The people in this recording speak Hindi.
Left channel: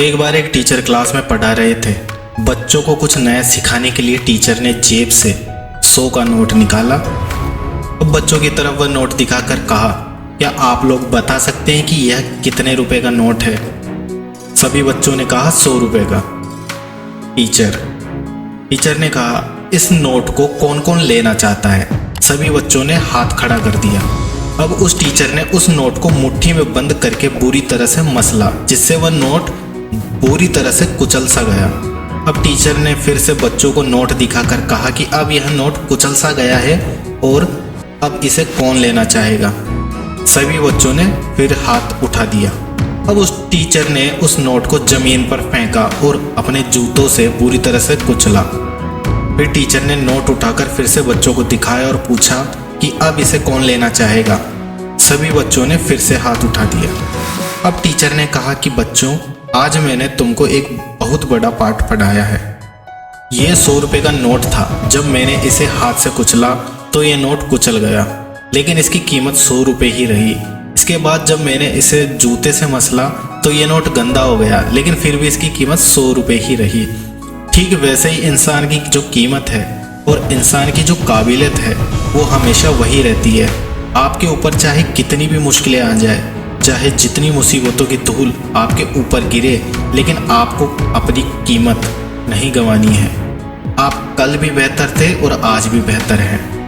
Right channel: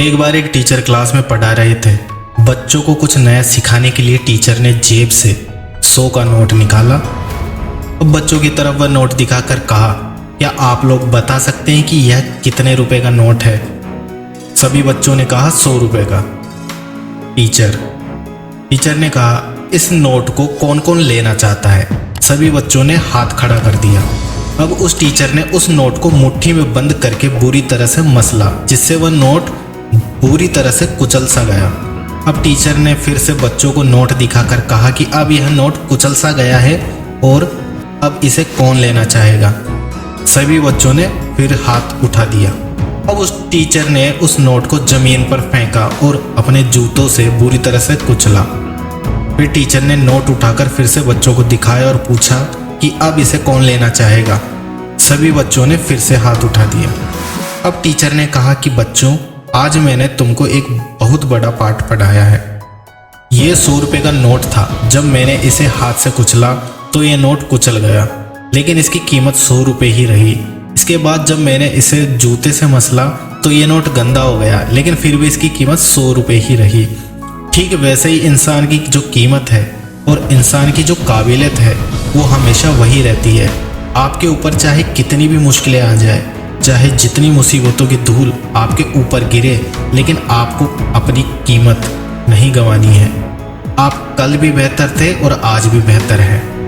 एक बार एक टीचर क्लास में पढ़ा रहे थे। बच्चों को कुछ नया सिखाने के लिए टीचर ने जेब से 100 का नोट निकाला। अब बच्चों की तरफ वह नोट दिखाकर कहा, क्या आप लोग बता सकते हैं कि यह कितने रुपए का नोट है? सभी बच्चों ने कहा 100 रुपए का। टीचर ने कहा, इस नोट को कौन कौन लेना चाहता है? सभी बच्चों ने हाथ खड़ा कर दिया। अब उस टीचर ने उस नोट को मुट्ठी में बंद करके बुरी तरह से मसला, जिससे वह नोट बुरी तरह से कुचल सा गया। अब टीचर ने फिर से बच्चों को नोट दिखाकर कहा कि अब यह नोट कुचल सा गया है और अब इसे कौन लेना चाहेगा? सभी बच्चों ने फिर हाथ उठा दिया। अब उस टीचर ने उस नोट को जमीन पर फेंका और अपने जूतों से बुरी तरह से कुचला। फिर टीचर ने नोट उठाकर फिर से बच्चों को दिखाया और पूछा कि अब इसे कौन लेना चाहेगा? सभी बच्चों ने फिर से हाथ उठा दिया। अब टीचर ने कहा कि बच्चों, आज मैंने तुमको एक बहुत बड़ा पाठ पढ़ाया है। ये 100 रुपये का नोट था। जब मैंने इसे हाथ से कुचला तो ये नोट कुचल गया, लेकिन इसकी कीमत 100 रुपये ही रही। इसके बाद जब मैंने इसे जूते से मसला तो ये नोट गंदा हो गया, लेकिन फिर भी इसकी कीमत 100 रुपये ही रही। ठीक वैसे ही इंसान की जो कीमत है और इंसान की जो काबिलियत है वो हमेशा वही रहती है। आपके ऊपर चाहे कितनी भी मुश्किलें आ जाए, चाहे जितनी मुसीबतों की धूल आपके ऊपर गिरे, लेकिन आपको अपनी कीमत नहीं गंवानी है। आप कल भी बेहतर थे और आज भी बेहतर हैं।